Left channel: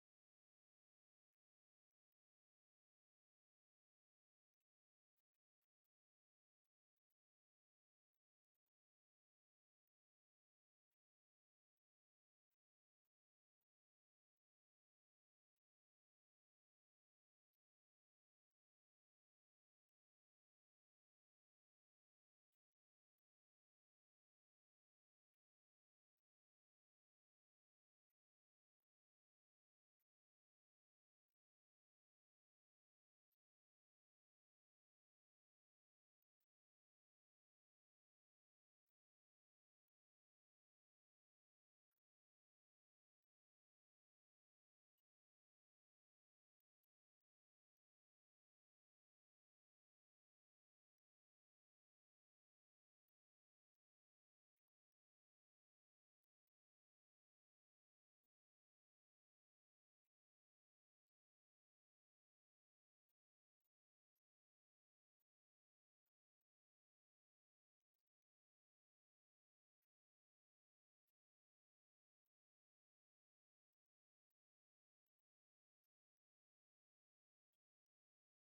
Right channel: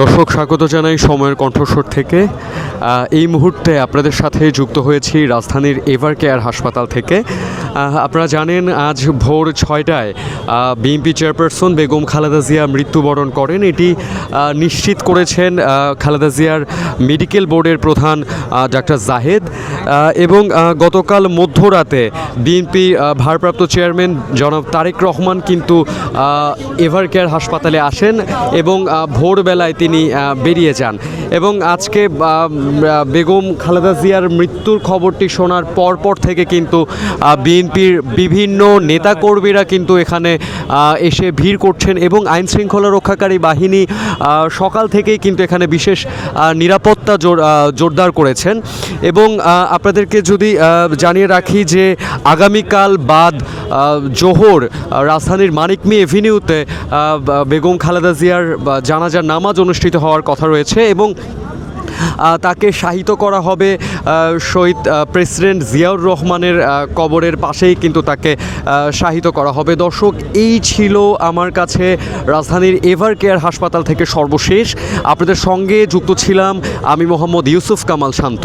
দর্শক স্বাগত জানাই সময়ের কণ্ঠস্বর থেকে। এই মুহূর্তে আপনাদের সাথে যুক্ত হয়েছি রাজধানীর এভার কেয়ার হাসপাতাল থেকে। আপনারা জানেন আজ ভোর 6টায় বিএনপি চেয়ারপারসন বেগম খালেদা জিয়া মৃত্যুবরণ করেন। এটি নিশ্চিত করেছেন খালেদা জিয়ার মেডিকেল বোর্ডের প্রধান ডাক্তার জাহেদ, এবং গতকাল মধ্যরাতে বিএনপি ভারপ্রাপ্ত চেয়ারম্যান জনাব তারেক রহমান কিন্তু এভার কেয়ার হাসপাতালে আসেন এবং ভোরবেলায় তিনি বেরিয়ে যান। এবং আজকে বেগম খালেদা জিয়ার মৃত্যুর খবরটি শোনার পরপর থেকে কিন্তু বিএনপির বিভিন্ন নেতাকর্মীরা কিন্তু এখানে এসে ভিড় করছেন এবং আইন শৃঙ্খলা রক্ষাকারী বাহিনী সকাল থেকেই কিন্তু এখানে বিশেষ নিরাপত্তা জোরদার করেছেন। এবং আপনাদেরকে যদি জানিয়ে রাখি যে আগামীকাল বাদ জোহর রাজধানীর মানিক মি এভিনিউতে বেগম খালেদা জিয়ার জানাজার নামাজ অনুষ্ঠিত হওয়ার কথা রয়েছে এবং তাকে শায়িত করা হবে শহীদ প্রেসিডেন্ট জিয়াউর রহমানের কবরের পাশেই কিন্তু তাকে শায়িত করা হবে। দর্শক, এই ছিল আমার কাছে রাজধানীর এভার কেয়ার হাসপাতাল থেকে সর্বশেষ। আপনাদের সঙ্গে যুক্ত ছিলাম আমি মোহাম্মদ ইউসুফ কামাল শান্ত।